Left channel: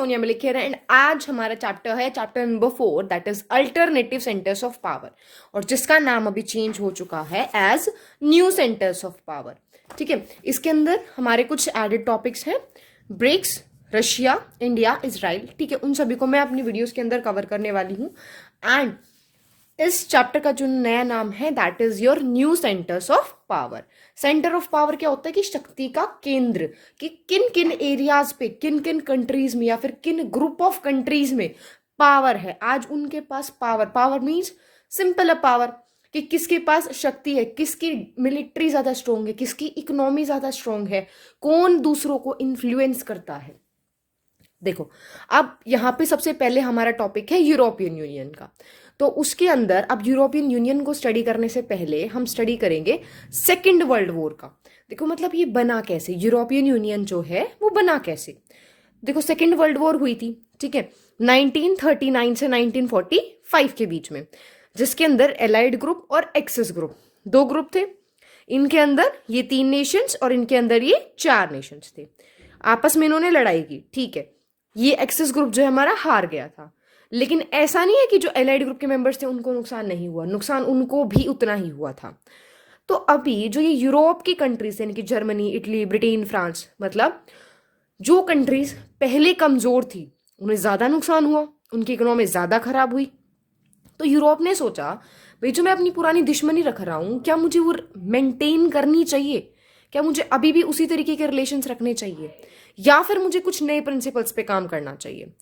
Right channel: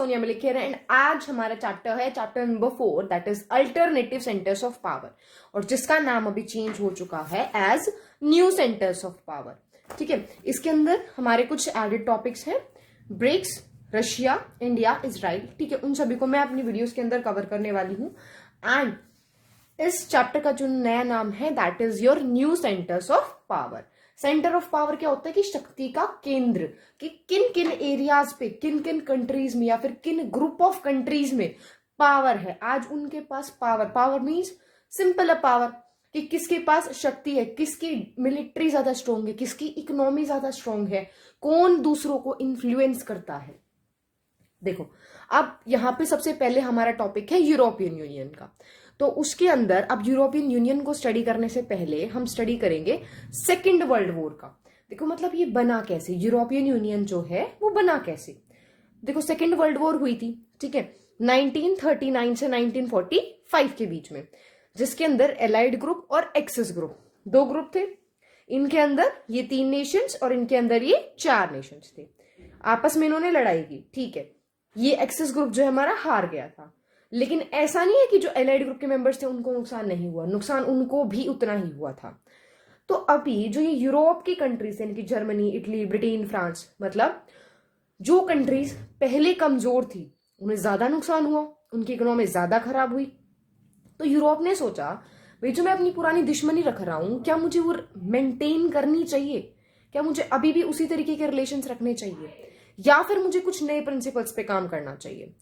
Sonia Malik here and आज हमारा chapter है chapter number 4 that is alternative centres of power और जिसका नाम अभी चेंज हो चुका है as new centres of power. ठीक है, इसके अंदर हमारे कुछ एडेड टॉपिक्स हैं, ब्रिक्स, रशिया, इंडिया, इजराइल। ठीक है, उन सभी को मैं अपनी वीडियोस के अंदर कवर करने वाली हूँ एंड इस चैप्टर का जो नया नाम है that is your new centres of power. Centre of power क्या होता है कि शक्ति का केंद्र, कि किन किन एरियाज पे, किन किन कंट्रीज में या फिर किन ग्रुप ऑफ कंट्रीज में पावर है। आज उनके पास power, power means simple power, कि किसके पास शक्ति है, किसकी मिलिट्री ज्यादा स्ट्रोंग है, किसकी इकोनॉमी ज्यादा स्ट्रोंग है, कौन दूसरों को इन्फ्लुएंस करता है। देखो, अब यहाँ पे सबसे पहले हमारा टॉपिक है यूरोपियन यूनियन का। तो उसके अंदर अब यूरोपियन यूनियन को स्टडी करने से पहले हम स्टडी करेंगे सेकेंड वर्ल्ड वॉर का। देखो मतलब ये बना कैसे, यूरोपियन यूनियन जो है वो बना कैसे। देखो सेकेंड वर्ल्ड वॉर हुई थी, ठीक है, 1939 से 1945 के बीच में, जिसके अंदर एलाइड ग्रुप और एक्सेस ग्रुप, दो ग्रुप थे। इनके अंदर ये 3 नेशंस और इनके अंदर ये 4 नेशंस थे। आपस में इन्होंने लड़ाई की, ठीक है। ये एक्सेस ग्रुप जो है हमारा हार गया था, लेकिन ऐसा नहीं है कि जो एलाइड ग्रुप के मेंबर्स थे उनको नुकसान नहीं हुआ, नुकसान उनको भी उतना ही हुआ था। तो अभी जो ये यूरोप की कंट्रीज यानी कि जर्मनी, इटली, ब्रिटेन, फ्रांस, मतलब जो कंट्रीज पहले कमजोर थी उन्हें ज्यादा नुकसान हुआ, उनकी इकोनॉमी ज्यादा खराब हुई। तो यूरोप ने सोचा भाई जो मैं अपनी पुरानी दुश्मनी रख रहा हूं, क्या मुझे वो मेंटेन करनी चाहिए, क्या मुझे अभी भी उसी तरीके के रिलेशंस रखने चाहिए, या फिर मुझे कुछ नए प्रिंसिपल्स पे काम करना चाहिए।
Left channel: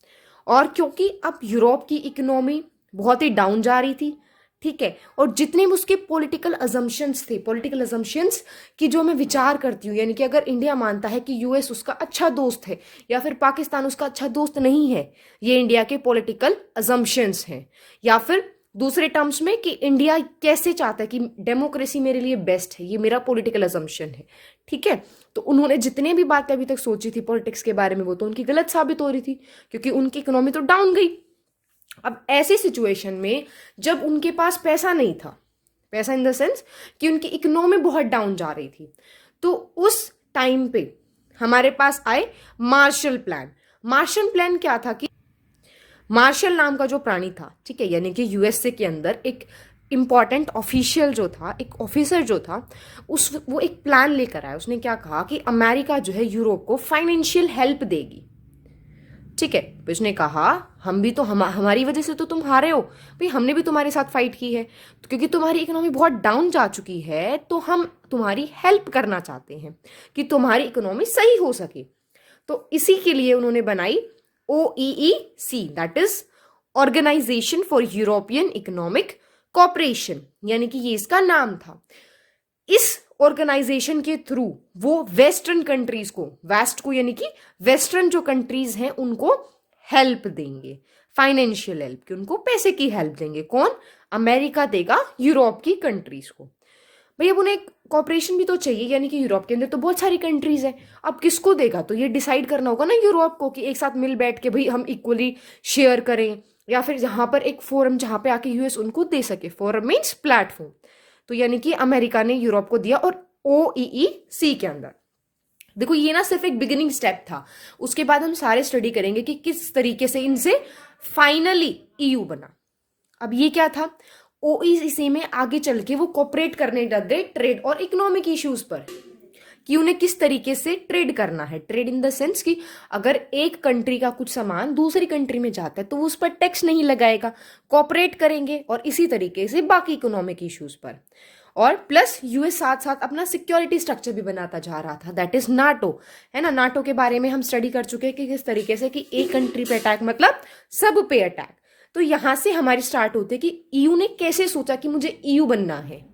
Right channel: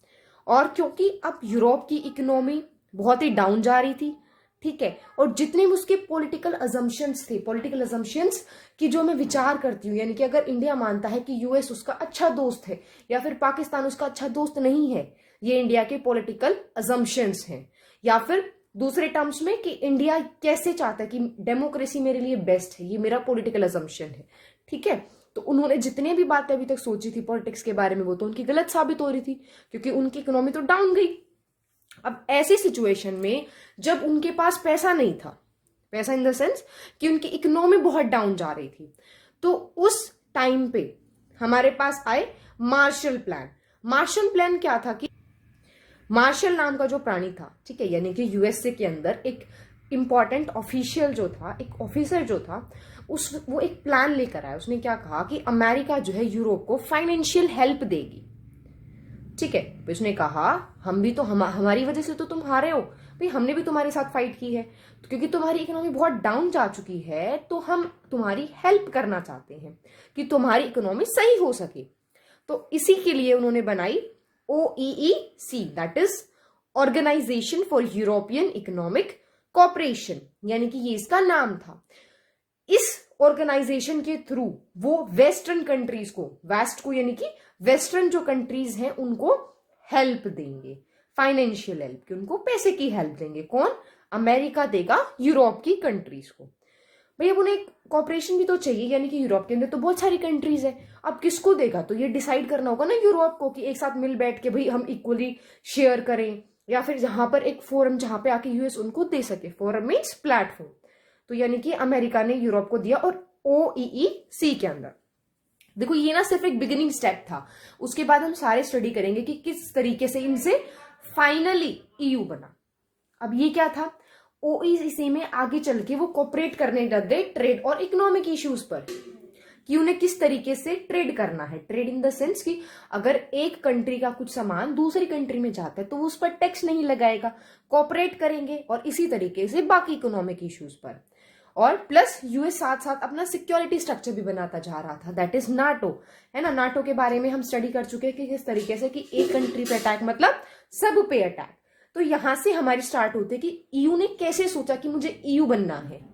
और क्योंकि अब यूरोप की इकोनॉमी बहुत ही डाउन जा रही थी, ठीक है, और जितने भी उसके पॉलिटिकल अजम्पशंस थे, पॉलिटिकल अजम्पशंस की जो मैं विचार करती हूँ, यानी कि अगर इंडिया मानता है कि यूएस उसका अच्छा दोस्त है या फिर पाकिस्तान उसका अच्छा दोस्त नहीं है, ये इंडिया के पॉलिटिकल अजम्पशंस हैं। या फिर दूसरे टर्म्स में कि इंडिया कैसे चाहता है कि डेमोक्रेसी मेरे लिए बेस्ट है, ये मेरा पॉलिटिकल अजम्पशन है, ठीक है। तो उन्होंने जितने भी बातें अभी तक सोची थी पॉलिटिक्स के बारे में वो तो उनकी गलत साबित हो रही थी, क्योंकि उनकी इकोनॉमी तो डाउन गई। अब ऐसी सिचुएशन में जब उनके पास पैसा नहीं था, पैसा इन द सेंस कि उनकी इकोनॉमी बहुत डाउन जा रही थी, तो उस टाइम पे हमारे पास आए मार्शल प्लान। मार्शल प्लान क्या था कि मार्शल नाम का जो प्राणी था, ठीक है, यानी कि यूएसए के अंदर एक इंपॉर्टेंट ऑफिशियल जो था, एक ऑफिसर जो था, वो एक प्लान लेकर आया। उसने क्या कहा कि अमेरिका जो है यूरोप को फाइनेंशियल हेल्प देगी, ठीक है। तो उसने कहा हम भी तो हमारी वजह से तो तुम हारे हो भाई, हमने भी तुम्हारे साथ फाइट की है, तो क्योंकि तुम्हारी इकोनॉमी बहुत डाउन जा चुकी है तो हम तुम्हारी हेल्प करना चाहते हैं कि तुम्हारी इकोनॉमी सही हो सके। तो इसी के लिए उन्होंने बनाई OEEC, that is organisation for European economic cooperation, यानी कि ये इसका नाम था। इस ऑर्गेनाइजेशन के थ्रू वो वेस्टर्न कंट्रीज को, वेस्ट को यानी कि वेस्टर्न जो कंट्रीज हैं उनको हेल्प देंगे, फाइनेंशियल हेल्प, कि उनको पैसे की हेल्प देंगे। कौन? अमेरिका देगा यूरोप की कंट्रीज को। भाई अब उन्हें कॉपरेशन भी तो चाहिए, यानी कि यूरोप के अंदर तो बहुत सारी कंट्रीज है, अब किसको देगा? तो ये डिसाइड करना होगा ना यूरोप को कि एक साथ मिल बैठ के भाई हम इक्वली शेयर करें, या फिर जहां पर एक फोरम जहां पे आके यूएस उनको दे सके। Forum means platform. तो यानी कि अमेरिका ने यूरोप को दिया, और OEEC के अंदर देखो ये ना सिर्फ एक बिगिनिंग स्टेप था, उसके बाद हम सारे स्टडी करेंगे कि किस तरीके से इनसे फाइनली EU बना। अब ये क्या था, OEEC में आगे चल के वो कोऑपरेट करने लग गए ट्रेड और इकोनॉमिक इश्यूज पर, कि उन्हें किस तरीके से ट्रेड करना है। ट्रेड इन द सेंस कि अगर एक कंट्री का कुछ सामान दूसरी कंट्री में जाता है तो उस पर टैक्स नहीं लगाएगा, कोऑपरेट करेंगे, और इसी तरीके से बाकी इकोनॉमिक इश्यूज पर। और प्लस यूएस साथ साथ अपना सिक्योरिटी स्ट्रक्चर भी बनाता जा रहा था, दैट इज नाटो, है ना। नाटो के बारे में हम स्टडी कर चुके हैं कि किस तरीके से कि एक कंट्री पे अटैक मतलब सब पे अटैक। तो यहां से हमारी स्टार्ट होती है कि EU ने कैसे सोचा कि मुझे EU बनना है।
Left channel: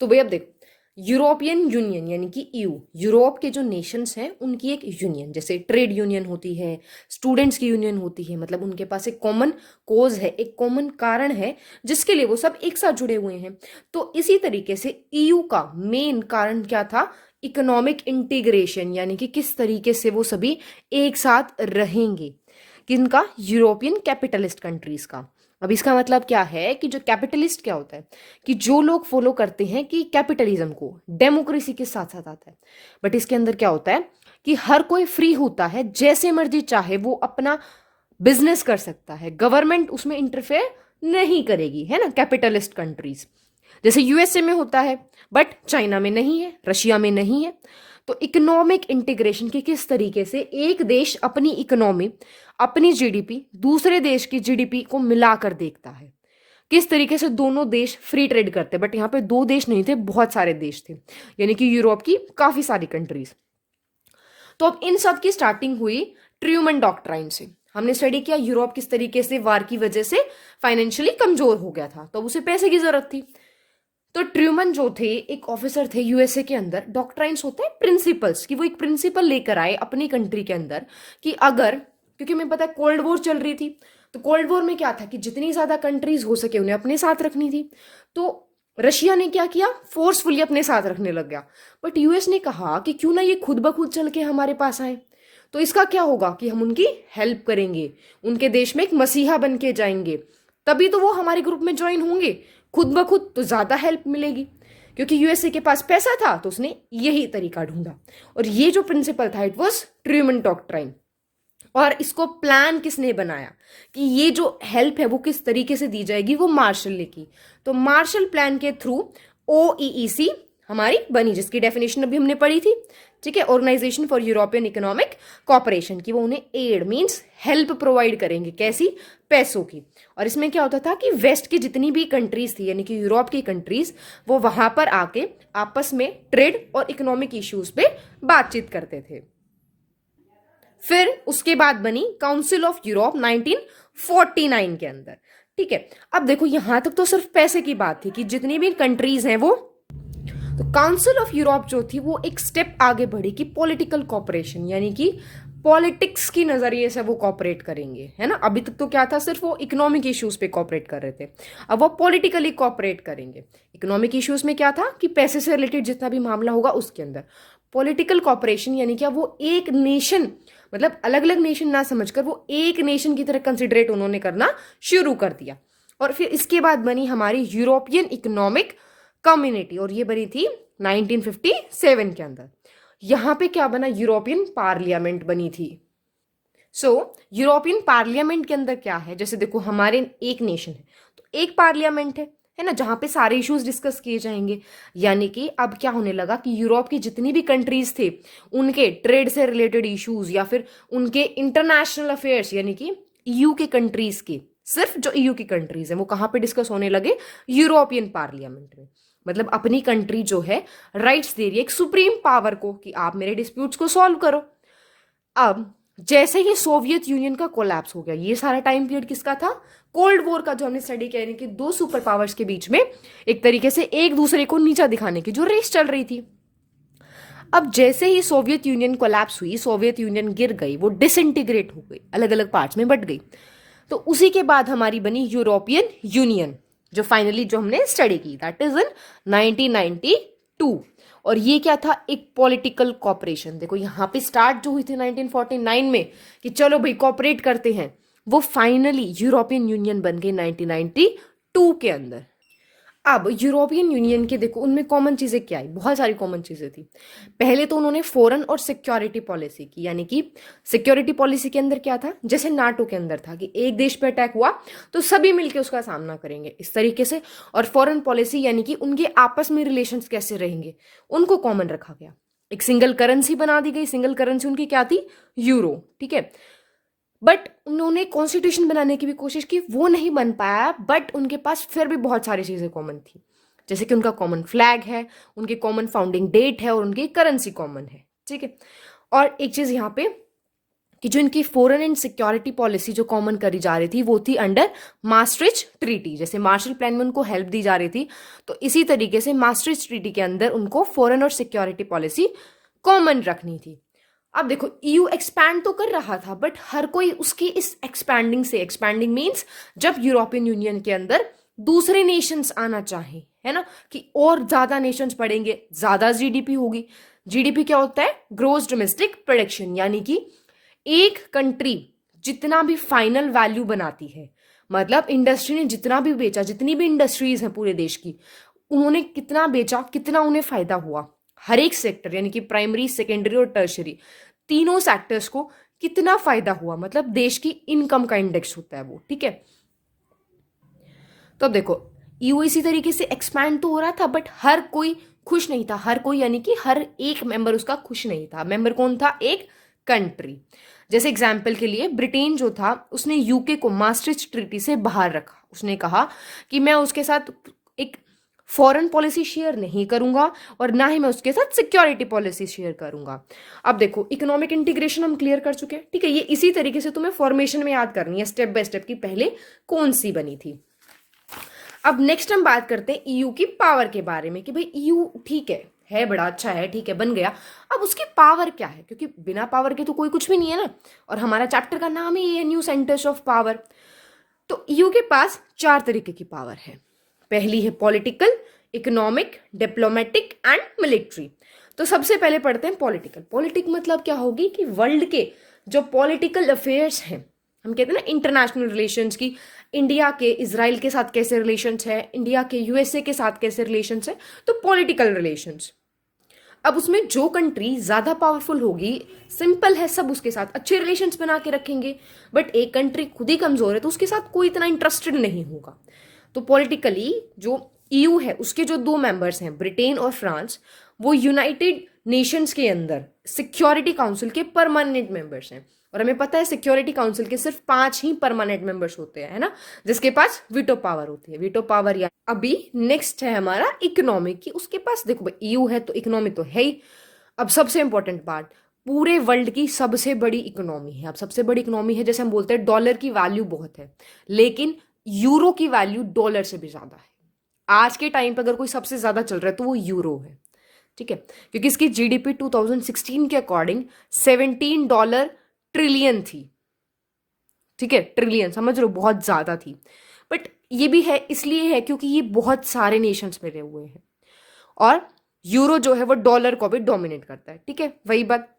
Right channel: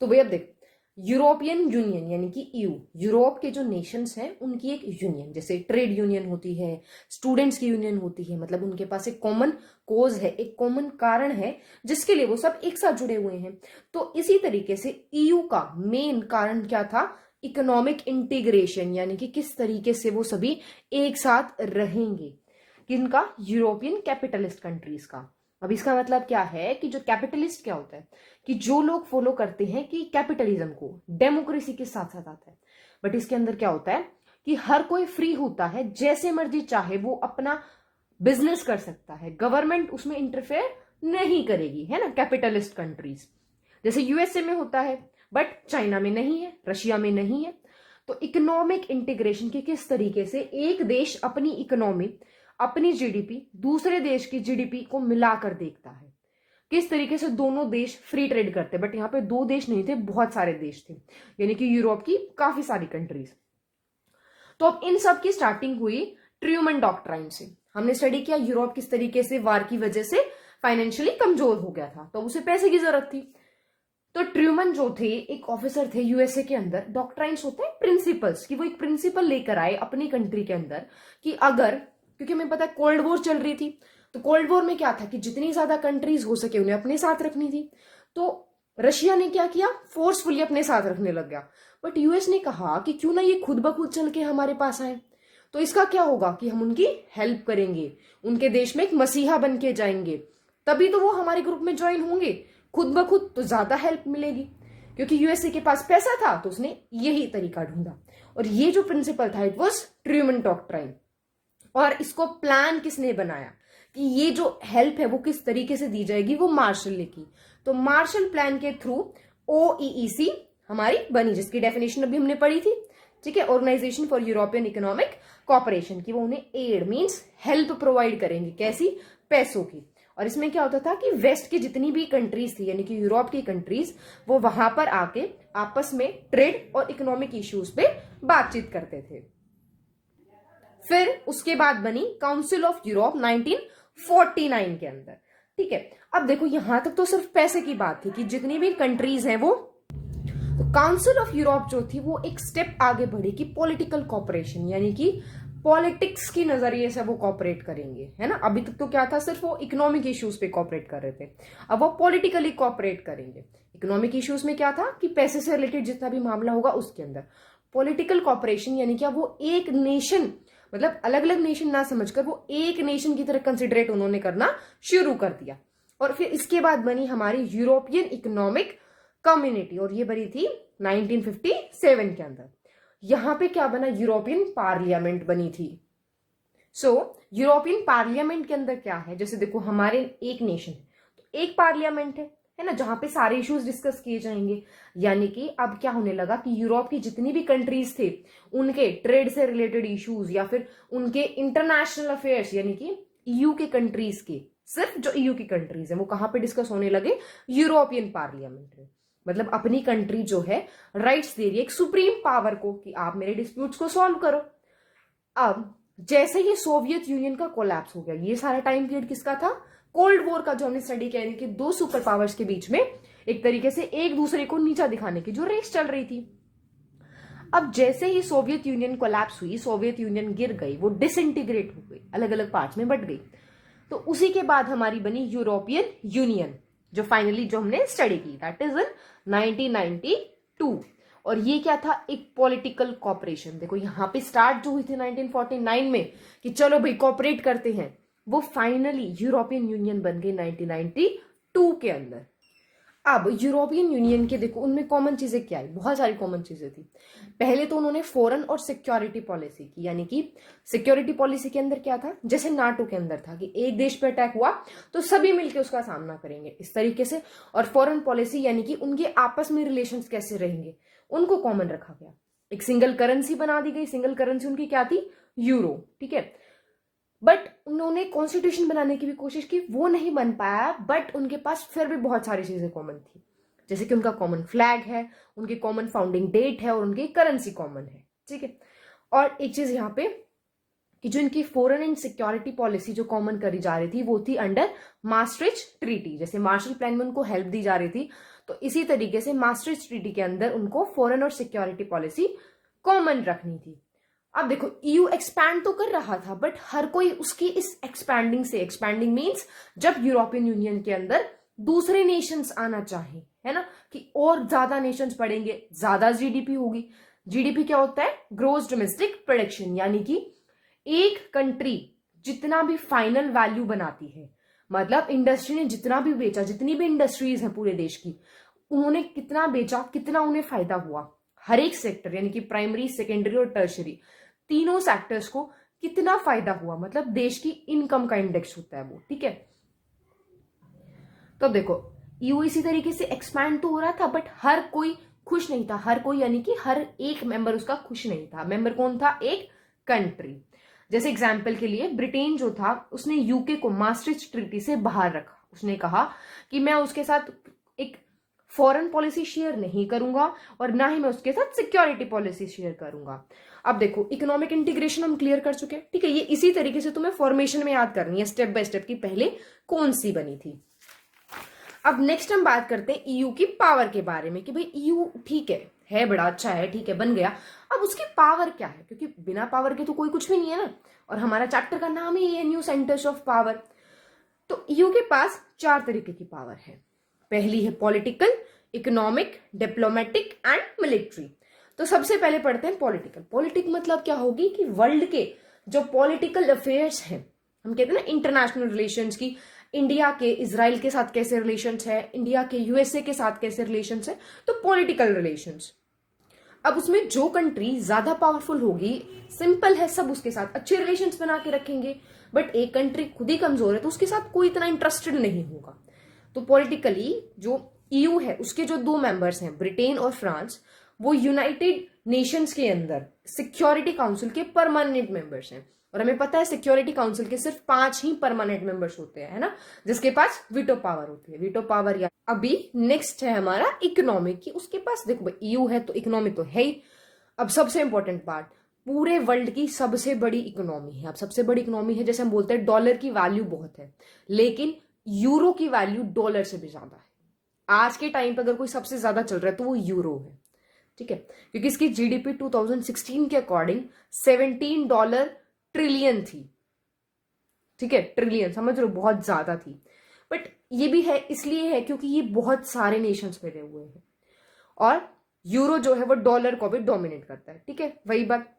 तो भाई अब देखो, यूरोपियन यूनियन यानी कि EU, यूरोप के जो नेशंस हैं उनकी एक यूनियन, जैसे ट्रेड यूनियन होती है, स्टूडेंट्स की यूनियन होती है, मतलब उनके पास एक कॉमन कोज है, एक कॉमन कारण है जिसके लिए वो सब एक साथ जुड़े हुए हैं। तो इसी तरीके से EU का मेन कारण क्या था, इकोनॉमिक इंटीग्रेशन, यानी कि किस तरीके से वो सभी एक साथ रहेंगे, किनका? यूरोपियन कैपिटलिस्ट कंट्रीज का। अब इसका मतलब क्या है कि जो कैपिटलिस्ट क्या होता है कि जो लोग फॉलो करते हैं कि कैपिटलिज्म को, डेमोक्रेसी के साथ साथ आता है, बट इसके अंदर क्या होता है कि हर कोई फ्री होता है, जैसे मर्जी चाहे वो अपना बिजनेस कर सकता है, गवर्नमेंट उसमें इंटरफेयर नहीं करेगी, है ना, कैपिटलिस्ट कंट्रीज जैसे यूएसए में होता है, बट चाइना में नहीं है, रशिया में नहीं है। तो इकोनॉमिक इंटीग्रेशन की किस तरीके से एक देश अपनी इकोनॉमी, अपनी जीडीपी दूसरे देश की जीडीपी को मिलाकर देखता है, किस तरीके से दोनों देश फ्री ट्रेड करते। बट यहाँ पे दो देश नहीं थे, बहुत सारे देश थे, यानी कि यूरोप की काफी सारी कंट्रीज। तो अब इन सब की स्टार्टिंग हुई ट्रूमन डॉक्ट्राइन से। हमने स्टडी किया यूरोप किस तरीके से वार की वजह से फाइनेंशियली कमजोर हो गया था, तो उसे पैसे की जरूरत थी। तो ट्रूमन जो थे एक ऑफिसर थे यूएसए के अंदर। डॉक्ट्राइन्स होते हैं प्रिंसिपल्स, कि वो एक प्रिंसिपल लेकर आए अपनी कंट्री के अंदर कि अगर, क्योंकि हमें पता है कोल्ड वॉर चल रही थी, तो कोल्ड वॉर में क्या था कि जितनी ज्यादा कंट्रीज हो सके उन्हें अपने साथ रखनी थी। तो रशिया ने क्या किया, फोर्सफुली अपने साथ रखने लग गया। बट यूएस ने कहा कि क्यों ना ये खुद ब खुद चल के हमारे पास आए, तो इसका क्या होगा कि हम उनकी हेल्प करेंगे, उनके देश में एक मसीहा बन के जाएंगे, तभी तो वो हमारे ग्रुप में ज्वाइन होंगे। खुद ब खुद तो ज्यादा हेल्प मिलेगी, क्योंकि यूएसए के पास पैसा था तो उसने यही तरीका ढूंढा। और ये जो प्रिंसिपल था इट वाज ट्रूमन डॉक्ट्राइन। और इसको प्लान किसने बनाया कि ये जो हेल्प है वो किस तरीके से दी जाएगी, वो मार्शल ने की। तो मार्शल प्लान के थ्रू ओईईसी हमारी बनी, जिसकी डेफिनेशन अभी हमने पढ़ी थी, ठीक है, organisation for European economic cooperation, की वो उन्हें एड मींस हेल्प प्रोवाइड करेंगे, कैसी, पैसों की। और इसमें क्या होता था कि वेस्ट की जितनी भी कंट्रीज थी, यानी कि यूरोप की कंट्रीज, वो वहां पर आके आपस में ट्रेड और इकोनॉमिक इश्यूज पे बातचीत करते थे। फिर उसके बाद बनी काउंसिल ऑफ यूरोप 1949 के अंदर, ठीक है। अब देखो यहां तक तो सिर्फ पैसे की बात थी कि जितनी भी कंट्रीज हैं वो, तो काउंसिल ऑफ यूरोप जो थी वो एक स्टेप आगे बढ़ी कि पॉलिटिकल कॉपरेशन, यानी कि पॉलिटिक्स की नजरिए से वो कॉपरेट करेंगे, है ना। अभी तक तो क्या था, सिर्फ वो इकोनॉमिक इश्यूज पे कॉपरेट कर रहे थे, अब वो पॉलिटिकली कॉपरेट करेंगे। इकोनॉमिक इश्यूज में क्या था कि पैसे से रिलेटेड जितना भी मामला होगा उसके अंदर। पॉलिटिकल कॉपरेशन यानी क्या, वो एक नेशन, मतलब अलग अलग नेशन ना समझकर वो एक नेशन की तरह कंसिडरेट उन्होंने करना शुरू कर दिया। और फिर इसके बाद बनी हमारी यूरोपियन इकोनॉमिक कम्युनिटी, और ये बनी थी 1957 के अंदर। यहां पे क्या बना, यूरोपियन पार्लियामेंट बनी थी। सो यूरोपियन पार्लियामेंट के अंदर क्या है, जैसे देखो हमारे एक नेशन है तो एक पार्लियामेंट है ना, जहां पे सारे इश्यूज डिस्कस किए जाएंगे। यानी कि अब क्या होने लगा कि यूरोप की जितनी भी कंट्रीज थे उनके ट्रेड से रिलेटेड इश्यूज या फिर उनके इंटरनेशनल अफेयर्स, यानी कि ईयू के कंट्रीज के, सिर्फ जो ईयू की कंट्रीज है वो कहां पे डिस्कस होने लगे, यूरोपियन पार्लियामेंट में। मतलब अपनी कंट्री जो है राइट्स दे रही है एक सुप्रीम पावर को कि आप मेरे डिस्प्यूट्स को सॉल्व करो। अब जैसे ही सोवियत यूनियन का कोलैप्स हो गया, ये सारा टाइम पीरियड किसका था, कोल्ड वॉर का, जो हमने स्टडी किया, कि दो सुपर पावर्स के बीच में एक तरीके से एक दूसरे को नीचा दिखाने की जो रेस चल रही थी। अब जैसे ही सोवियत यूनियन कोलैप्स हुई, सोवियत यूनियन गिर गई, वो डिसइंटीग्रेट हो गई, अलग अलग पार्ट्स में बट गई। तो उसी के बाद हमारी बनी यूरोपियन यूनियन, जो फाइनली जो हमने स्टडी की, दैट इज इन 1992। और ये क्या था, एक पॉलिटिकल कॉपरेशन। देखो यहाँ पे स्टार्ट जो हुई थी 1949 में कि चलो भाई कॉपरेट करते हैं, वो फाइनली यूरोपियन यूनियन बन गई 1992 के अंदर। अब यूरोपियन यूनियन के देखो उनमें कॉमन चीजें क्या आई, बहुत सारी कॉमन चीजें थी। पहले तो उन्होंने फॉरेन और सिक्योरिटी पॉलिसी की, यानी कि सिक्योरिटी पॉलिसी के अंदर क्या था, जैसे नाटो के अंदर था कि एक देश पे अटैक हुआ तो सभी मिलकर उसका सामना करेंगे, इस तरीके से। और फॉरेन पॉलिसी यानी कि उनके आपस में रिलेशंस कैसे रहेंगे, उनको कॉमन रखा गया। एक सिंगल करेंसी बना दी गई, सिंगल करेंसी उनकी क्या थी, यूरो, ठीक है। बट उन्होंने कॉन्स्टिट्यूशन बनाने की भी कोशिश की, वो नहीं बन पाया। बट उनके पास फिर भी बहुत सारी चीजें कॉमन थी, जैसे कि उनका कॉमन फ्लैग है, उनके कॉमन फाउंडिंग डेट है और उनकी करेंसी कॉमन है, ठीक है। और एक चीज यहाँ पे कि जो इनकी फॉरेन एंड सिक्योरिटी पॉलिसी जो कॉमन करी जा रही थी वो थी अंडर maastricht ट्रीटी। जैसे मार्शल प्लान में उनको हेल्प दी जा रही थी, तो इसी तरीके से maastricht ट्रीटी के अंदर उनको फॉरेन और सिक्योरिटी पॉलिसी कॉमन रखनी थी। अब देखो ईयू एक्सपैंड तो कर रहा था, बट हर कोई उसकी इस एक्सपैंडिंग से, एक्सपैंडिंग मीन्स जब यूरोपियन यूनियन के अंदर दूसरे नेशंस आना चाहे, है ना, कि और ज्यादा नेशंस पढ़ेंगे, ज्यादा जीडीपी होगी। जीडीपी क्या होता है, ग्रोस डोमेस्टिक प्रोडक्शन, यानी कि एक कंट्री जितना भी फाइनल वैल्यू बनाती है, मतलब इंडस्ट्री ने जितना भी बेचा, जितनी भी इंडस्ट्रीज हैं पूरे देश की, उन्होंने कितना बेचा, कितना उन्हें फायदा हुआ, हर एक सेक्टर, यानी कि प्राइमरी, सेकेंडरी और टर्शरी, तीनों सेक्टर्स को कितना फायदा हुआ, मतलब देश की इनकम का इंडेक्स होता है वो, ठीक है। तो अब देखो ईयू इसी तरीके से एक्सपैंड तो हो रहा था, बट हर कोई खुश नहीं था, हर कोई यानी कि हर एक मेंबर उसका खुश नहीं था। मेंबर कौन था? एक कंट्री। जैसे एग्जाम्पल के लिए ब्रिटेन जो था उसने यूके को मास्ट्रिच ट्रीटी से बाहर रखा। उसने कहा कि मैं उसके साथ एक फॉरेन पॉलिसी शेयर नहीं करूंगा और ना ही मैं उसके साथ सिक्योरिटी पॉलिसी शेयर करूंगा। अब देखो इकोनॉमिक इंटीग्रेशन हम क्लियर कर चुके हैं, ठीक है। ये इसी तरीके से तुम्हें फॉर्मेशन में याद करनी है स्टेप बाय स्टेप की पहले कौन सी बनी थी। अब नेक्स्ट हम बात करते हैं ईयू की पावर के बारे में कि भाई ईयू ठीक है बड़ा अच्छा है, ठीक है, बन गया। अब उसकी पावर क्या है, क्योंकि बिना पावर के तो कोई कुछ भी नहीं है ना, और हमारा चैप्टर का नाम ही है न्यू सेंटर्स ऑफ पावर। तो ईयू के पास 4 तरीके की पावर है। पहली है political, economic, diplomatic and military. तो सबसे पहले पढ़ते हैं पॉलिटिकल। पॉलिटिक मतलब क्या होगी कि वर्ल्ड के जो पॉलिटिकल अफेयर्स हैं, हम कहते हैं ना इंटरनेशनल रिलेशंस की, इंडिया के इजराइल के साथ कैसे रिलेशंस है, इंडिया के यूएसए के साथ कैसे रिलेशंस है, तो पॉलिटिकल रिलेशंस। अब उसमें जो कंट्री ज्यादा पावरफुल होगी, सिंपल है, सब उसके साथ अच्छे रिलेशंस बना के रखेंगे। बट एक कंट्री खुद ही कमजोर है तो उसके साथ कोई इतना इंटरेस्टेड नहीं होगा। तो पॉलिटिकली जो ईयू है उसके जो 2 मेंबर्स हैं ब्रिटेन और फ्रांस, वो यूनाइटेड नेशंस के अंदर सिक्योरिटी काउंसिल के परमानेंट मेंबर्स हैं। और हमें पता है सिक्योरिटी काउंसिल के सिर्फ 5 ही परमानेंट मेंबर्स होते हैं, है ना, जिसके पास वीटो पावर होती है। वीटो पावर या अभी नेक्स्ट है हमारा इकोनॉमिक की, उसके पास देखो भाई ईयू है तो इकोनॉमी तो है ही। अब सबसे इंपॉर्टेंट पार्ट, पूरे वर्ल्ड की सबसे बड़ी इकोनॉमी है। अब सबसे बड़ी इकोनॉमी है, जैसे हम बोलते हैं डॉलर की वैल्यू बहुत है, लेकिन यूरो की वैल्यू डॉलर से भी ज्यादा है। आज के टाइम पर अगर कोई सबसे ज्यादा चल रहा है तो वो यूरो है, ठीक है, क्योंकि इसकी जीडीपी 2016 के अकॉर्डिंग $17 ट्रिलियन थी, ठीक है, ट्रिलियन समझ लो, बहुत ज्यादा थी। बट ये भी है इसलिए है क्योंकि ये बहुत सारे नेशंस में रहे हुए हैं, और यूरो जो है वो डॉलर को भी डोमिनेट करता है, ठीक है, वही बात।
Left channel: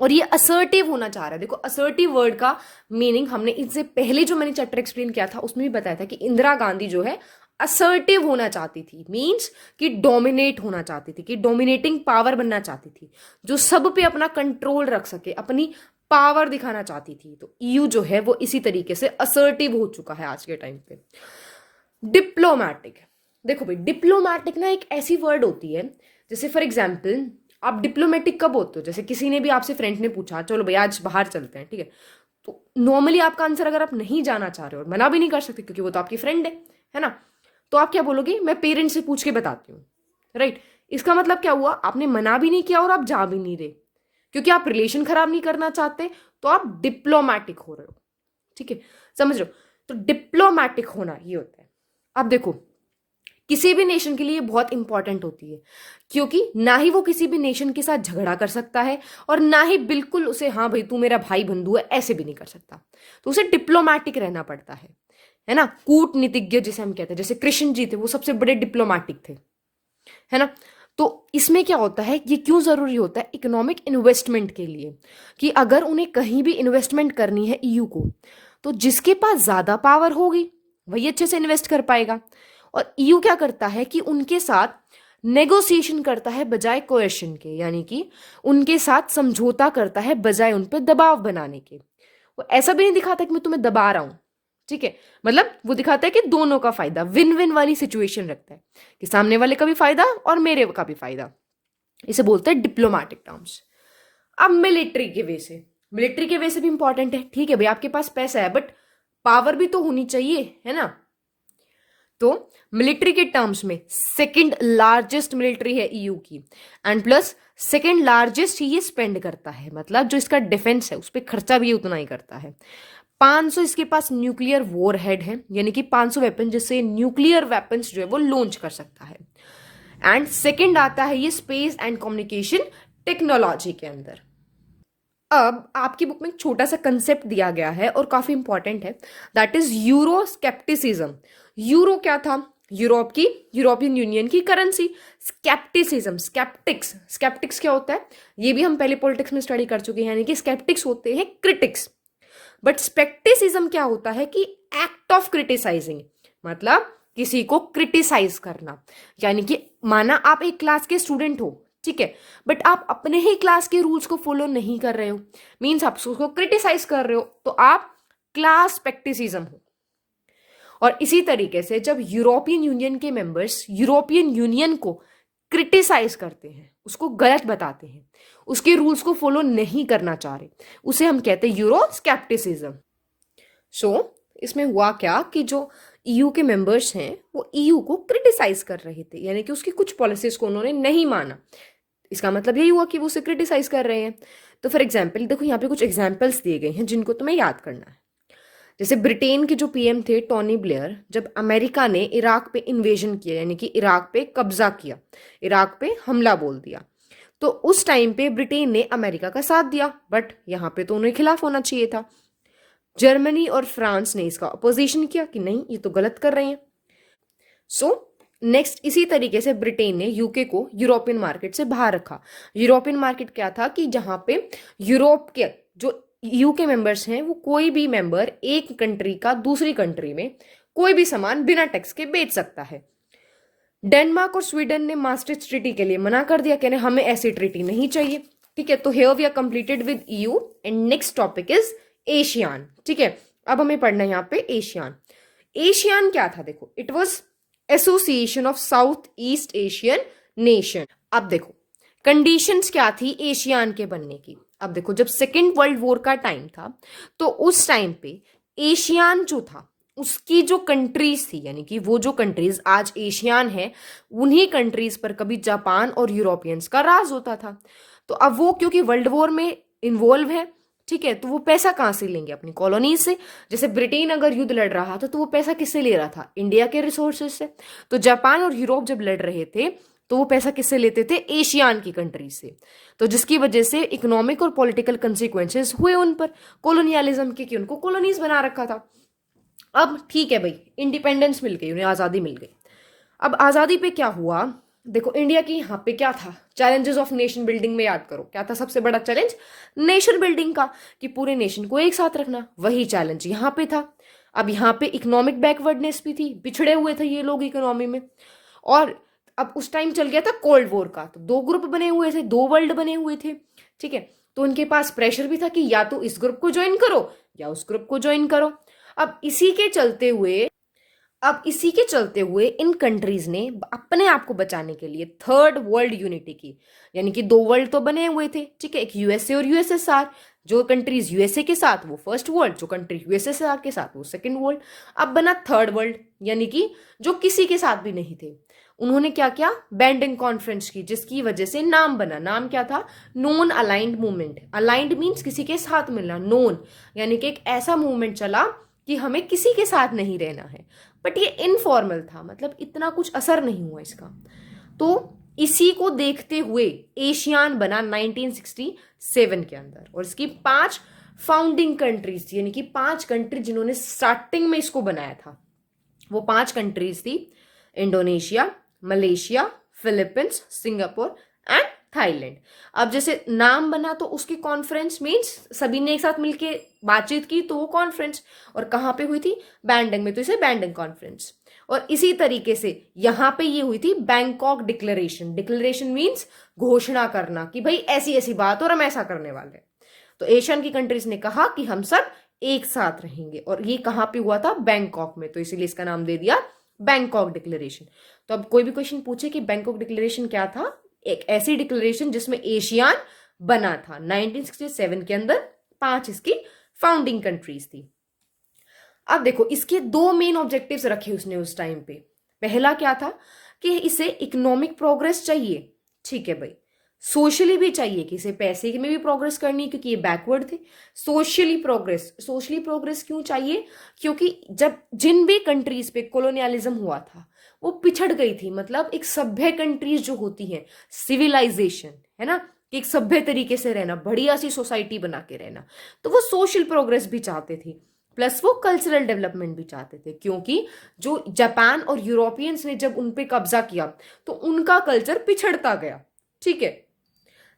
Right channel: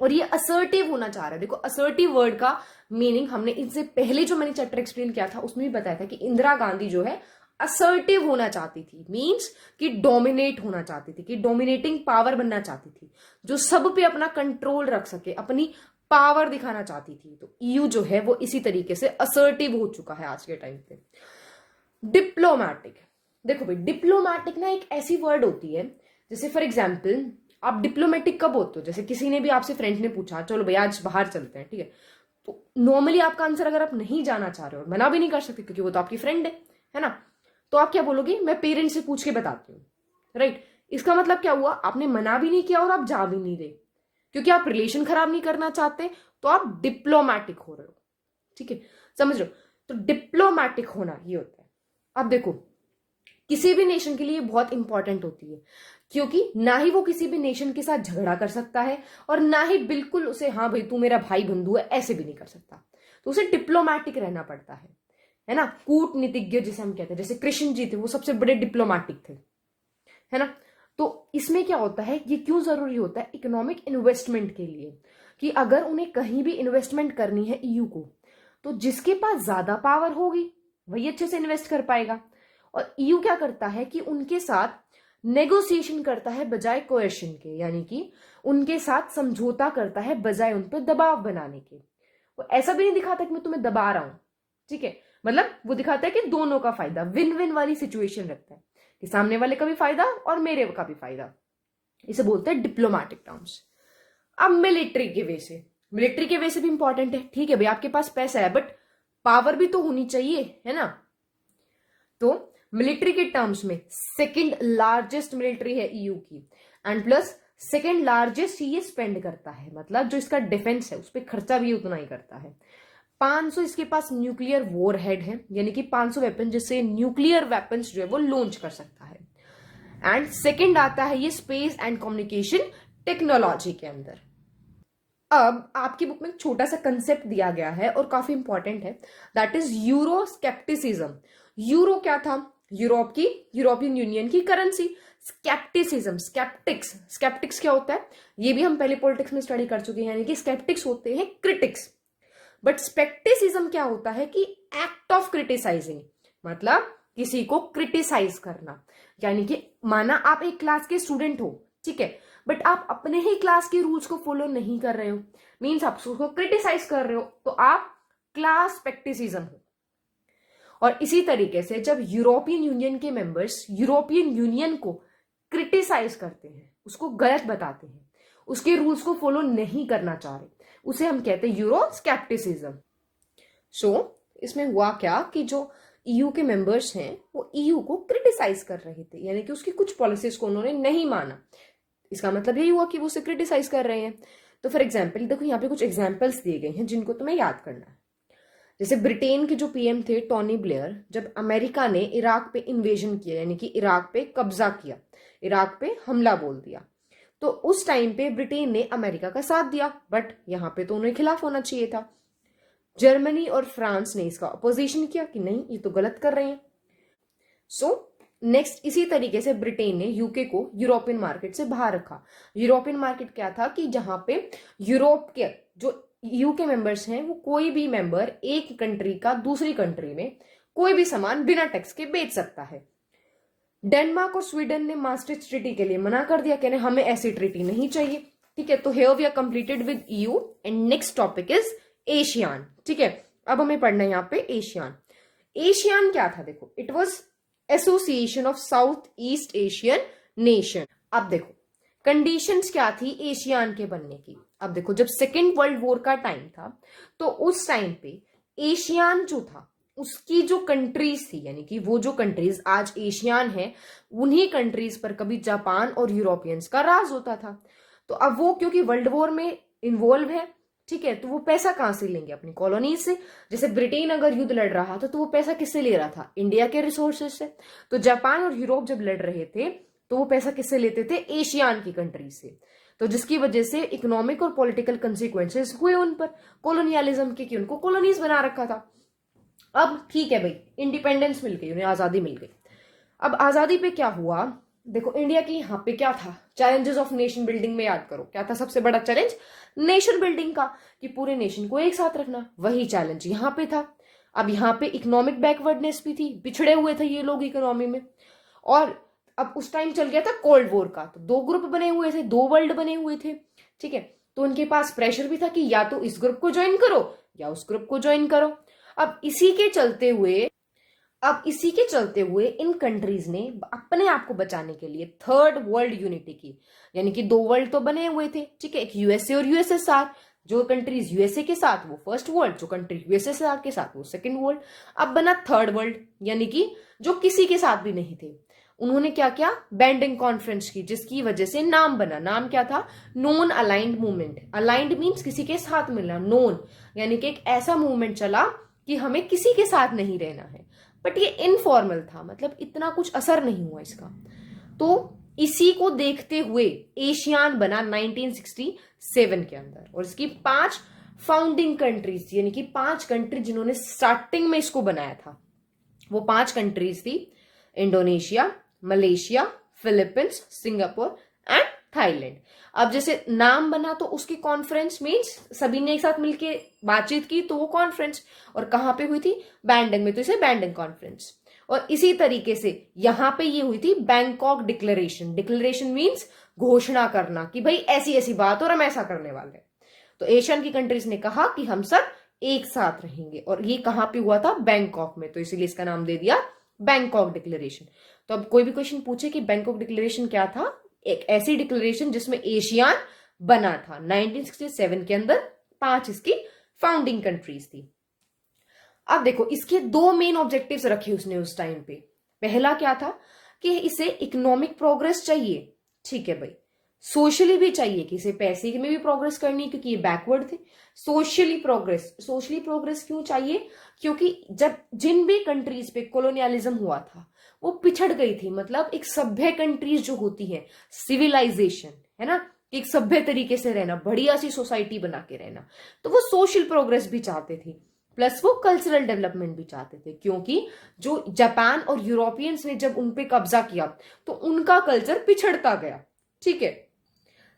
और ये असर्टिव होना चाह रहा है। देखो असर्टिव वर्ड का मीनिंग हमने इससे पहले जो मैंने चैप्टर एक्सप्लेन किया था उसमें भी बताया था कि इंदिरा गांधी जो है असर्टिव होना चाहती थी, मींस कि डोमिनेट होना चाहती थी, कि डोमिनेटिंग पावर बनना चाहती थी, जो सब पे अपना कंट्रोल रख सके, अपनी पावर दिखाना चाहती थी। तो ईयू जो है वो इसी तरीके से असर्टिव हो चुका है आज के टाइम पे। डिप्लोमैटिक, देखो भाई डिप्लोमैटिक ना एक ऐसी वर्ड होती है, जैसे फॉर एग्जाम्पल आप डिप्लोमेटिक कब होते हो, जैसे किसी ने भी आपसे फ्रेंड ने पूछा चलो भाई आज बाहर चलते हैं, ठीक है, तो नॉर्मली आपका आंसर अगर आप नहीं जाना चाह रहे हो, मना भी नहीं कर सकते क्योंकि वो तो आपकी फ्रेंड है ना, तो आप क्या बोलोगे, मैं पेरेंट्स से पूछ के बताती हूँ, राइट। इसका मतलब क्या हुआ, आपने मना भी नहीं किया और आप जा भी नहीं रहे, क्योंकि आप रिलेशन खराब नहीं करना चाहते, तो आप डिप्लोमैटिक हो रहे हो, ठीक है, समझ रहे हो। तो डिप्लोमैटिक होना ये होता है। अब देखो किसी भी नेशन के लिए बहुत इंपॉर्टेंट होती है, क्योंकि ना ही वो किसी भी नेशन के साथ झगड़ा कर सकता है और ना ही बिल्कुल उसे हाँ भाई तू मेरा भाई बंधु है ऐसे भी नहीं कर सकता, तो उसे डिप्लोमैटिक रहना पड़ता है ना, कूटनीतिज्ञ जिसे हम कहते हैं, जैसे कृष्ण जी थे वो सबसे बड़े डिप्लोमैटिक थे, है ना। तो इसमें क्या होता है, ये क्यों जरूरी होता है इकोनॉमिक इन्वेस्टमेंट के लिए, कि अगर उन्हें कहीं भी इन्वेस्टमेंट करनी है ईयू को, तो जिसके पास ज्यादा पावर होगी वही अच्छे से इन्वेस्ट कर पाएगा। और ईयू क्या करता है कि उनके साथ नेगोशिएशन करता है बजाय कोएशन के, यानी कि उनके साथ समझौता करता है बजाय उन पर दबाव बनाने के। वो ऐसा भी नहीं दिखाता कि मैं तुम्हें दबा रहा हूं, ठीक है, मतलब वो दिखाता है कि दोनों का फायदा, विन विन वाली सिचुएशन रखता है, कि सामने वाले का भी फायदा और मेरे का भी फायदा। इसे बोलते हैं डिप्लोमैटिक टर्म्स। अब मिलिट्री के वे से भी इंपॉर्टेंट है, ठीक है भाई आपके पास पैसा है बट पावर भी तो होनी चाहिए, है ना। तो मिलिट्री के टर्म्स में सेकंड लार्जेस्ट मिलिट्री है ईयू की, एंड प्लस सेकंड लार्जेस्ट ही ये स्पेंड करता है, मतलब जो इसका डिफेंस है उस पर खर्चा भी उतना ही करता है। 500 इसके पास न्यूक्लियर वॉर हेड है, यानी कि 500 वेपन जिससे न्यूक्लियर वेपन्स जो है वो लॉन्च कर सकता है। एंड सेकंड आता है ये स्पेस एंड कम्युनिकेशन टेक्नोलॉजी के अंदर। अब आपकी बुक में एक छोटा सा कंसेप्ट दिया गया है और काफी इंपॉर्टेंट है, that is euro scepticism. Euro क्या था, यूरोपियन यूनियन की करेंसी। स्केप्टिसिज्म, स्केप्टिक्स क्या होता है, ये भी हम पहले पॉलिटिक्स में स्टडी कर चुके हैं, यानी कि स्केप्टिक्स होते हैं क्रिटिक्स। बट स्पेक्टिसिज्म क्या होता है कि एक्ट ऑफ क्रिटिसाइजिंग, मतलब किसी को क्रिटिसाइज करना, यानी कि माना आप एक क्लास के स्टूडेंट हो, ठीक है, बट आप अपने ही क्लास के रूल्स को फॉलो नहीं कर रहे हो, मीन्स आप उसको क्रिटिसाइज कर रहे हो, तो आप क्लास पैक्टिसिज्म हो। और इसी तरीके से जब यूरोपियन यूनियन के मेंबर्स यूरोपियन यूनियन को क्रिटिसाइज करते हैं, उसको गलत बताते हैं, उसके रूल्स को फॉलो नहीं करना चाह रहे, उसे हम कहते हैं यूरो स्केप्टिसिज्म। सो इसमें हुआ क्या कि जो ईयू के मेंबर्स हैं वो ईयू को क्रिटिसाइज कर रहे थे, यानी कि उसकी कुछ पॉलिसीज को उन्होंने नहीं माना। इसका मतलब यही हुआ कि वो उसे क्रिटिसाइज कर रहे हैं। तो फॉर एग्जाम्पल देखो, यहाँ पे कुछ एग्जाम्पल्स दिए गए हैं जिनको तुम्हें याद करना है। जैसे ब्रिटेन के जो पीएम थे टोनी ब्लेयर, जब अमेरिका ने इराक पे इन्वेजन किया, यानी कि इराक पे कब्जा किया, इराक पे हमला बोल दिया, तो उस टाइम पे ब्रिटेन ने अमेरिका का साथ दिया, बट यहाँ पे तो उन्हें खिलाफ होना चाहिए था। जर्मनी और फ्रांस ने इसका अपोजिशन किया कि नहीं, ये तो गलत कर रहे हैं। सो नेक्स्ट इसी तरीके से ब्रिटेन ने यूके को यूरोपियन मार्केट से बाहर रखा। यूरोपियन मार्केट क्या था कि जहां पे यूरोप के जो ईयू के मेंबर्स हैं, वो कोई भी मेंबर एक कंट्री का दूसरी कंट्री में कोई भी सामान बिना टैक्स के बेच सकता है। डेनमार्क और स्वीडन ने मास्ट्रिक्ट ट्रीटी के लिए मना कर दिया, कहने हमें ऐसी ट्रीटी नहीं चाहिए। ठीक है, तो here we are completed with EU and next topic is ASEAN. ठीक है, अब हमें पढ़ना है यहाँ पे एशियान। एशियान क्या था, देखो, it was association of south east Asian nation. अब देखो कंडीशंस क्या थी एशियान के बनने की। अब देखो, जब सेकेंड वर्ल्ड वॉर का टाइम था, तो उस टाइम पे एशियान जो था उसकी जो कंट्रीज थी, यानी कि वो जो कंट्रीज आज एशियान है, उन्हीं कंट्रीज पर कभी जापान और यूरोपियंस का राज होता था। तो अब वो क्योंकि वर्ल्ड वॉर में इन्वॉल्व है, ठीक है, तो वो पैसा कहां से लेंगे, अपनी कॉलोनीज से। जैसे ब्रिटेन अगर युद्ध लड़ रहा था तो वो पैसा किससे ले रहा था, इंडिया के रिसोर्सेज से। तो जापान और यूरोप जब लड़ रहे थे तो वो पैसा किससे लेते थे, एशियान की कंट्रीज से। तो जिसकी वजह से इकोनॉमिक और पॉलिटिकल कंसिक्वेंसेस हुए उन पर कोलोनियलिज्म के, कि उनको कॉलोनीज बना रखा था। अब ठीक है भाई, इंडिपेंडेंस मिल गई, उन्हें आजादी मिल गई। अब आजादी पे क्या हुआ, देखो इंडिया की यहाँ पे क्या था, चैलेंजेस ऑफ नेशन बिल्डिंग में याद करो, क्या था सबसे बड़ा चैलेंज, नेशन बिल्डिंग का, कि पूरे नेशन को एक साथ रखना, वही चैलेंज यहाँ पे था। अब यहाँ पे इकोनॉमिक बैकवर्डनेस भी थी, पिछड़े हुए थे ये लोग इकोनॉमी में। और अब उस टाइम चल गया था कोल्ड वॉर का, तो दो ग्रुप बने हुए थे, दो वर्ल्ड बने हुए थे। ठीक है, तो उनके पास प्रेशर भी था कि या तो इस ग्रुप को ज्वाइन करो या उस ग्रुप को ज्वाइन करो। अब इसी के चलते हुए इन कंट्रीज ने अपने आप को बचाने के लिए थर्ड वर्ल्ड यूनिटी की, यानी कि दो वर्ल्ड तो बने हुए थे, ठीक है, एक यूएसए और यूएसएसआर। जो कंट्रीज यूएसए के साथ वो फर्स्ट वर्ल्ड, जो कंट्री यूएसएसआर के साथ वो सेकंड वर्ल्ड। अब बना थर्ड वर्ल्ड, यानी कि जो किसी के साथ भी नहीं थे। उन्होंने क्या किया, बैंडिंग कॉन्फ्रेंस की, जिसकी वजह से नाम बना। नाम क्या था, non aligned movement. Aligned means किसी के साथ मिलना, नॉन यानी कि एक ऐसा मूवमेंट चला कि हमें किसी के साथ नहीं रहना है। बट ये इनफॉर्मल था, मतलब इतना कुछ असर नहीं हुआ इसका। तो इसी को देखते हुए एशियान बना 1967 के अंदर, और इसकी 5 फाउंडिंग कंट्रीज थी, यानी कि 5 कंट्री जिन्होंने स्टार्टिंग में इसको बनाया था। वो 5 कंट्रीज थी, Indonesia, Malaysia, Philippines, Singapore and Thailand. अब जैसे नाम बना तो उसकी कॉन्फ्रेंस मींस सभी ने एक साथ मिलके बातचीत की, तो वो कॉन्फ्रेंस। और कहाँ पे हुई थी, बैंडिंग में, तो इसे बैंडिंग कॉन्फ्रेंस। और इसी तरीके से यहाँ पे ये हुई थी बैंकॉक डिक्लेरेशन। डिक्लेरेशन मींस घोषणा करना कि भाई ऐसी ऐसी बात और हम ऐसा करने वाले हैं। तो एशियन की कंट्रीज ने कहा कि हम सब एक साथ रहेंगे, और ये कहाँ पे हुआ था, बैंकॉक में, तो इसीलिए इसका नाम दे दिया बैंकॉक डिक्लेरेशन। तो अब कोई भी क्वेश्चन पूछे कि बैंकॉक डिक्लेरेशन क्या था, एक ऐसी डिक्लेरेशन जिसमें एशियान बना था 1967 के अंदर, 5 इसकी फाउंडिंग कंट्रीज थी। अब देखो इसके 2 मेन ऑब्जेक्टिव्स रखे उसने उस टाइम पे। पहला क्या था कि इसे इकोनॉमिक प्रोग्रेस चाहिए, ठीक है भाई, सोशली भी चाहिए, कि इसे पैसे में भी प्रोग्रेस करनी है क्योंकि ये बैकवर्ड थे। सोशली प्रोग्रेस क्यों चाहिए, क्योंकि जब जिन भी कंट्रीज पे कॉलोनियलिज्म हुआ था वो पिछड़ गई थी, मतलब एक सभ्य कंट्रीज जो होती हैं, सिविलाइजेशन है ना, एक सभ्य तरीके से रहना, बढ़िया सी सोसाइटी बना के रहना, तो वो सोशल प्रोग्रेस भी चाहते थे, प्लस वो कल्चरल डेवलपमेंट भी चाहते थे। क्योंकि जो जापान और यूरोपियंस ने जब उन पे कब्जा किया तो उनका कल्चर पिछड़ता गया, ठीक है।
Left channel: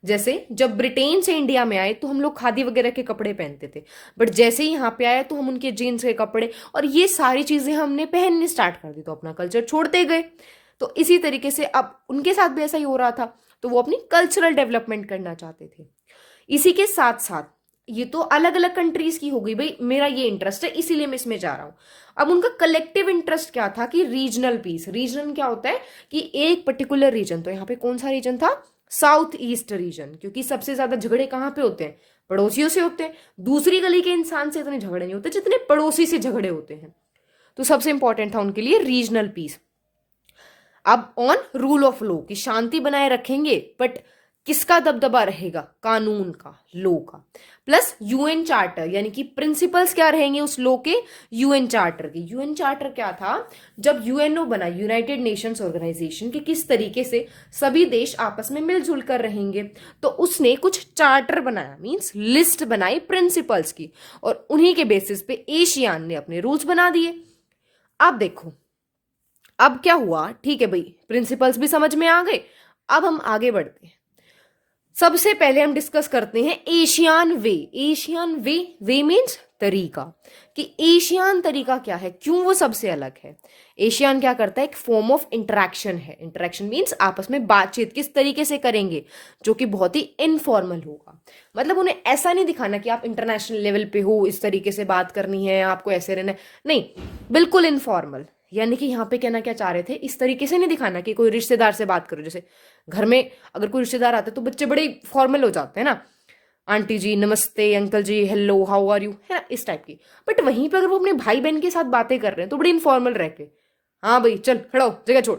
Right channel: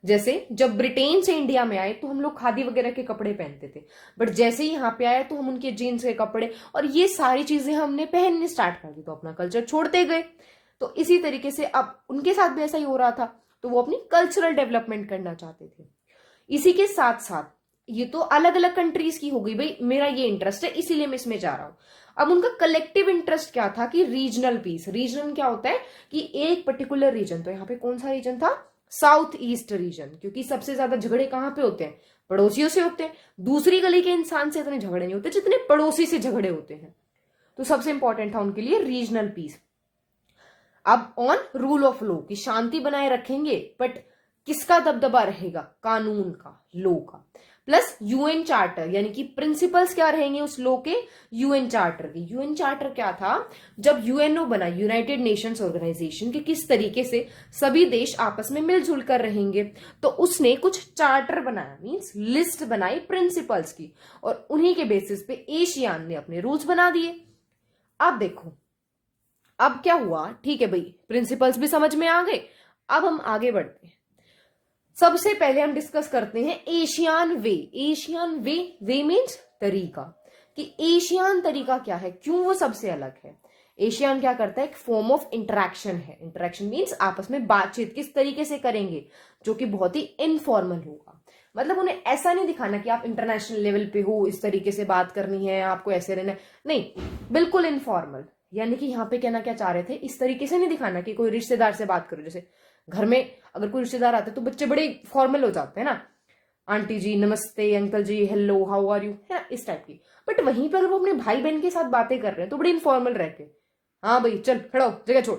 जैसे जब ब्रिटेन से इंडिया में आए तो हम लोग खादी वगैरह के कपड़े पहनते थे, बट जैसे ही यहाँ पे आए तो हम उनके जीन्स के कपड़े और ये सारी चीजें हमने पहनने स्टार्ट कर दी, तो अपना कल्चर छोड़ते गए। तो इसी तरीके से अब उनके साथ भी ऐसा ही हो रहा था। तो वो अपनी कल्चरल डेवलपमेंट करना चाहते थे। इसी के साथ साथ ये तो अलग अलग कंट्रीज की हो गई, भाई मेरा ये इंटरेस्ट है इसीलिए मैं इसमें जा रहा हूं। अब उनका कलेक्टिव इंटरेस्ट क्या था कि रीजनल पीस। रीजन क्या होता है कि एक पर्टिकुलर रीजन, तो यहाँ पे कौन सा रीजन था, साउथ ईस्ट रीजन, क्योंकि सबसे ज्यादा झगड़े कहाँ पे होते हैं, पड़ोसियों से होते हैं। दूसरी गली के इंसान से इतने झगड़े नहीं होते जितने पड़ोसी से झगड़े होते हैं। तो सबसे इंपॉर्टेंट था उनके लिए रीजनल पीस। अब ऑन रूल ऑफ लॉ की शांति बनाए रखेंगे, बट किसका दबदबा रहेगा, कानून का, लॉ का। प्लस यूएन चार्टर, यानी कि प्रिंसिपल्स क्या रहेंगे उस लॉ के, यूएन चार्टर के। यूएन चार्टर क्या था, जब यूएनओ बना, यूनाइटेड नेशंस ऑर्गेनाइजेशन, के किस तरीके से सभी देश आपस में मिलजुल कर रहेंगे, तो उसने कुछ चार्टर बनाया, मींस लिस्ट बनाई प्रिंसिपल्स की, और उन्हीं के बेसिस पे एशियान ने अपने रूल्स बना दिए। अब देखो अब क्या हुआ, ठीक है भाई, प्रिंसिपल्स भी समझ में आ गए। अब हम आगे बढ़ते हैं। सबसे पहले हम डिस्कस करते हैं एशियान वे। एशियान वे, वे मीन्स तरीका, कि एशियान तरीका क्या है, क्यों वो सबसे अलग है। एशियान क्या करता है, एक फॉर्म ऑफ इंटरेक्शन है। इंटरेक्शन मीन्स आपस में बातचीत किस तरीके से करेंगे, जो कि बहुत ही इनफॉर्मल होगा। मतलब उन्हें ऐसा नहीं दिखाना कि आप इंटरनेशनल लेवल पे हो, इस तरीके से बात करनी है, आपको ऐसे रहना है, नहीं, बिल्कुल इनफॉर्मल। यानी कि यहाँ पे कहना क्या चाह रहे थे, इस तरीके से नहीं दिखाना कि कोई रिश्तेदार से बात करो, जैसे घर में अगर कोई रिश्तेदार आते तो बच्चे बड़े फॉर्मल हो जाते हैं ना, आंटी जी नमस्ते, uncle ji hello how are you, है ना, इस टाइप की। बट वहीं पर अगर वो अपने भाई बहन के साथ बातें कर रहे हैं तो बड़ी इनफॉर्मल रह के, हाँ भाई चल खड़ा हो, जगह छोड़,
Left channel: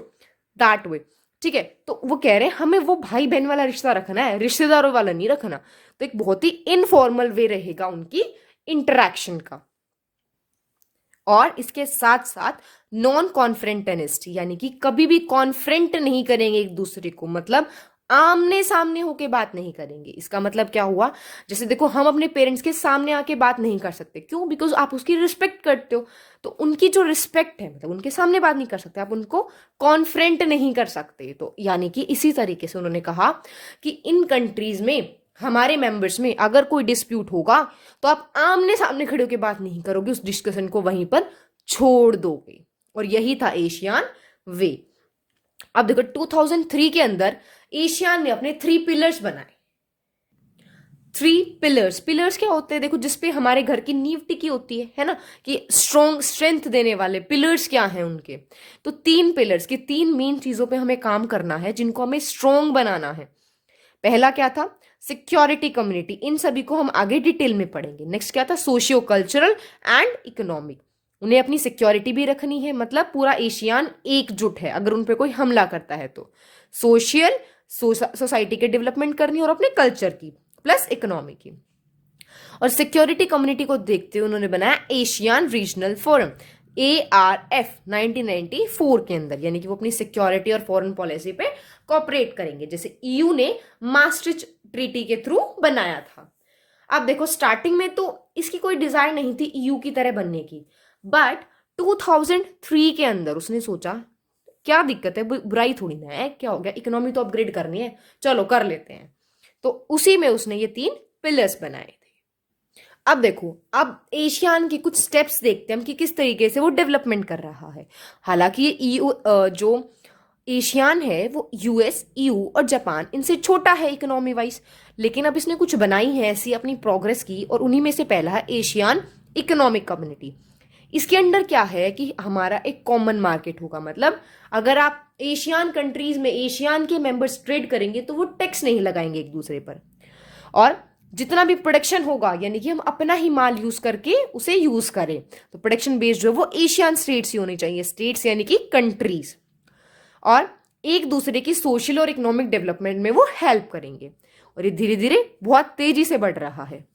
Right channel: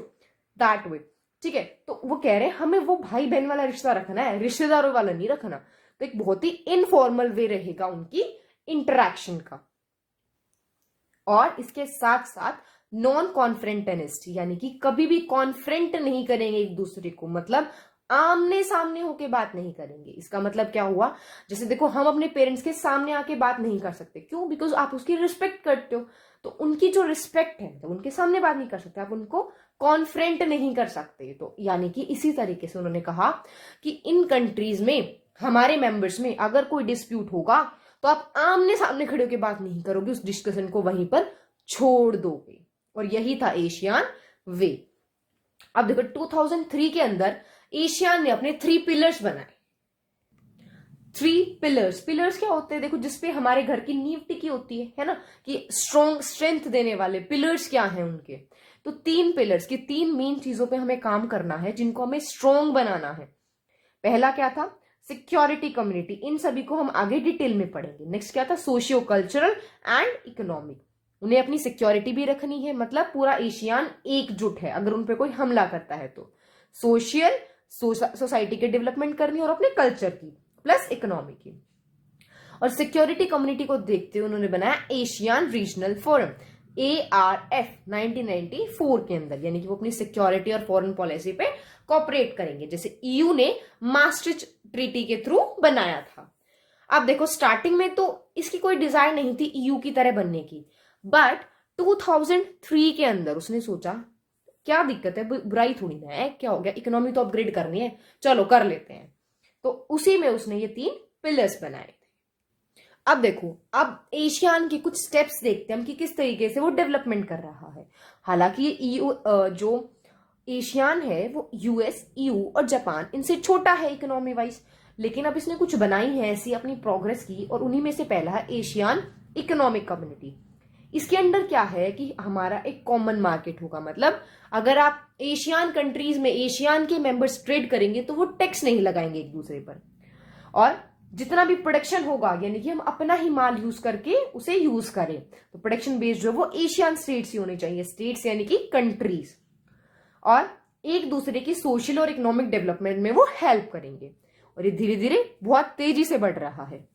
दैट वे। ठीक है, तो वो कह रहे हैं हमें वो भाई बहन वाला रिश्ता रखना है, रिश्तेदारों वाला नहीं रखना। तो एक बहुत ही इनफॉर्मल वे रहेगा उनकी इंटरेक्शन का। और इसके साथ साथ नॉन कॉन्फ्रेंटेनिस्ट, यानी कि कभी भी कॉन्फ्रेंट नहीं करेंगे एक दूसरे को, मतलब आमने सामने होके बात नहीं करेंगे। इसका मतलब क्या हुआ, जैसे देखो हम अपने पेरेंट्स के सामने आके बात नहीं कर सकते, क्यों, बिकॉज आप उसकी रिस्पेक्ट करते हो। तो उनकी जो रिस्पेक्ट है, मतलब उनके सामने बात नहीं कर सकते, आप उनको कॉन्फ्रेंट नहीं कर सकते। तो यानी कि इसी तरीके से उन्होंने कहा कि इन कंट्रीज में, हमारे मेंबर्स में अगर कोई डिस्प्यूट होगा तो आप आमने सामने खड़े होकर बात नहीं करोगे, उस डिस्कशन को वहीं पर छोड़ दोगे। और यही था एशियान वे। अब देखो 2003 के अंदर एशियान ने अपने 3 पिलर्स बनाए। 3 पिलर्स, पिलर्स क्या होते हैं, देखो जिसपे हमारे घर की नींव टिकी होती है ना, कि स्ट्रॉन्ग स्ट्रेंथ देने वाले पिलर्स क्या हैं उनके। तो 3 पिलर्स की 3 मेन चीजों पे हमें काम करना है, जिनको हमें स्ट्रॉन्ग बनाना है। पहला क्या था, सिक्योरिटी कम्युनिटी, इन सभी को हम आगे डिटेल में पढ़ेंगे। नेक्स्ट क्या था, सोशियो कल्चरल एंड इकोनॉमिक, उन्हें अपनी सिक्योरिटी भी रखनी है, मतलब पूरा एशियान एकजुट है अगर उन पर कोई हमला करता है तो। सोशल, सोसाइटी के डेवलपमेंट करनी और अपने कल्चर की, प्लस इकोनॉमी की। और सिक्योरिटी कम्युनिटी को देखते हुए उन्होंने बनाया एशियन रीजनल फोरम, ARF 1994 के अंदर, यानी कि वो अपनी सिक्योरिटी और फॉरेन पॉलिसी पे कॉपरेट करेंगे, जैसे EU ने मास्ट्रिच ट्रीटी के थ्रू बनाया था। अब देखो स्टार्टिंग में तो इसकी कोई डिजायर नहीं थी EU की तरह बनने की, बट 2003 के अंदर उसने सोचा क्या दिक्कत है, बुराई थोड़ी ना है, क्या हो गया, इकोनॉमी तो अपग्रेड करनी है, चलो कर लेते हैं। तो उसी में उसने ये 3 पिलर्स बनाए थे। अब देखो, अब एशियान के कुछ स्टेप्स देखते हैं हम कि किस तरीके से वो डेवलपमेंट कर रहा है। हालांकि ये EU जो एशियान है वो US, EU और जापान इनसे छोटा है इकोनॉमी वाइज, लेकिन अब इसने कुछ बनाई है ऐसी अपनी प्रोग्रेस की, और उन्हीं में से पहला है एशियन इकोनॉमिक कम्युनिटी। इसके अंडर क्या है कि हमारा एक कॉमन मार्केट होगा, मतलब अगर आप एशियन कंट्रीज में एशियन के मेंबर्स ट्रेड करेंगे तो वो टैक्स नहीं लगाएंगे एक दूसरे पर। और जितना भी प्रोडक्शन होगा, यानी कि हम अपना ही माल यूज करके उसे यूज करें, तो प्रोडक्शन बेस्ड जो है वो एशियन स्टेट्स ही होनी चाहिए, स्टेट्स यानी कि कंट्रीज। और एक दूसरे की सोशल और इकोनॉमिक डेवलपमेंट में वो हेल्प करेंगे। और ये धीरे धीरे बहुत तेजी से बढ़ रहा है।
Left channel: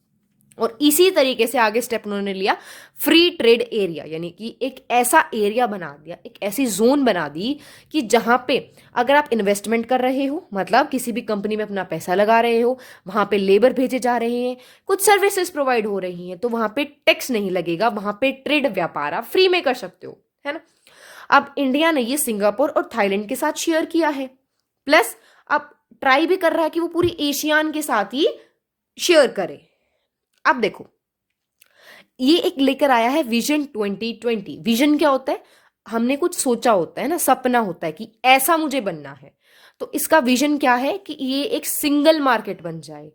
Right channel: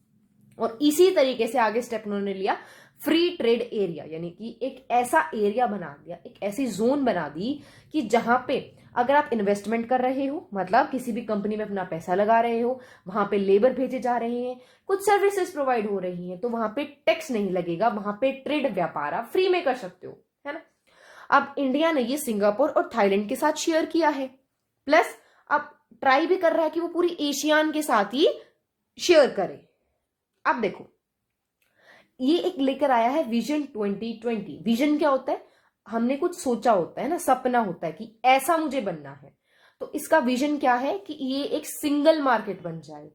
और इसी तरीके से आगे स्टेप उन्होंने लिया फ्री ट्रेड एरिया, यानी कि एक ऐसा एरिया बना दिया, एक ऐसी जोन बना दी कि जहां पे अगर आप इन्वेस्टमेंट कर रहे हो, मतलब किसी भी कंपनी में अपना पैसा लगा रहे हो, वहां पे लेबर भेजे जा रहे हैं, कुछ सर्विसेज प्रोवाइड हो रही हैं, तो वहां पे टैक्स नहीं लगेगा, वहां पे ट्रेड व्यापार आप फ्री में कर सकते हो, है ना। अब इंडिया ने ये सिंगापुर और थाईलैंड के साथ शेयर किया है, प्लस अब ट्राई भी कर रहा है कि वो पूरी एशियान के साथ ही शेयर करे। अब देखो ये एक लेकर आया है विजन 2020। विजन क्या होता है, हमने कुछ सोचा होता है ना, सपना होता है कि ऐसा मुझे बनना है, तो इसका विजन क्या है कि ये एक सिंगल मार्केट बन जाए।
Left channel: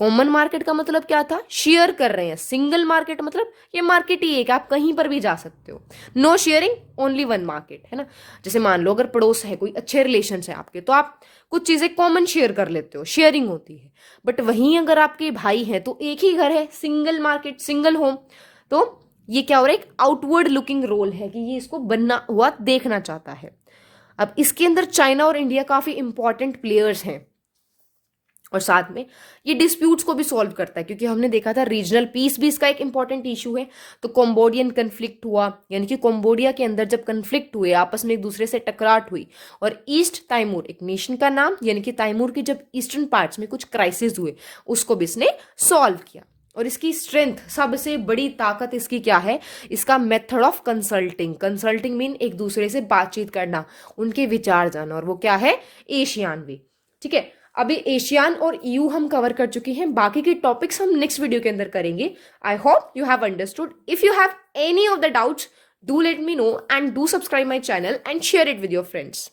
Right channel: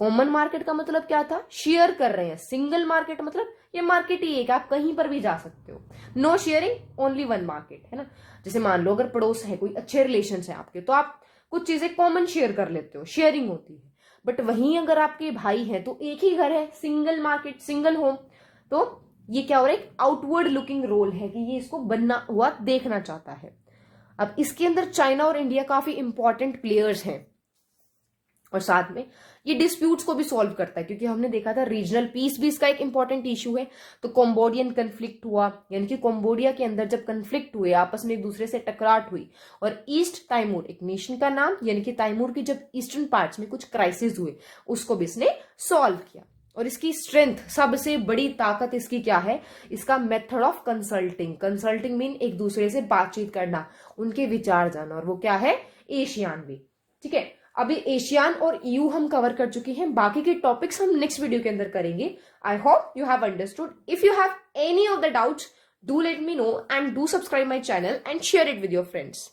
कॉमन मार्केट का मतलब क्या था, शेयर कर रहे हैं। सिंगल मार्केट मतलब ये मार्केट ही एक, आप कहीं पर भी जा सकते हो। No sharing, only one market, है ना। जैसे मान लो अगर पड़ोस है, कोई अच्छे रिलेशन है आपके, तो आप कुछ चीजें कॉमन शेयर कर लेते हो, शेयरिंग होती है। बट वहीं अगर आपके भाई हैं तो एक ही घर है, सिंगल मार्केट, सिंगल होम, तो ये क्या हो रहा है, एक आउटवर्ड लुकिंग रोल है कि ये इसको बनना हुआ देखना चाहता है। अब इसके अंदर चाइना और इंडिया काफी इंपॉर्टेंट प्लेयर्स हैं, और साथ में ये डिस्प्यूट्स को भी सॉल्व करता है, क्योंकि हमने देखा था रीजनल पीस भी इसका एक इंपॉर्टेंट इशू है। तो कम्बोडियन कन्फ्लिक्ट हुआ, यानी कि कम्बोडिया के अंदर जब कन्फ्लिक्ट हुए, आपस में एक दूसरे से टकराट हुई, और ईस्ट तैमूर एक नेशन का नाम, यानी कि तैमूर की जब ईस्टर्न पार्ट्स में कुछ क्राइसिस हुए, उसको भी इसने सॉल्व किया। और इसकी स्ट्रेंथ, सबसे बड़ी ताकत इसकी क्या है, इसका method of consulting. Consulting mean एक दूसरे से बातचीत करना, उनके विचार जानना, और वो क्या है, एशियान वे। ठीक है, अभी एशियान और ईयू हम कवर कर चुके हैं, बाकी के टॉपिक्स हम नेक्स्ट वीडियो के अंदर करेंगे। I hope you have understood. If you have any of the doubts, do let me know and do subscribe my channel and share it with your friends.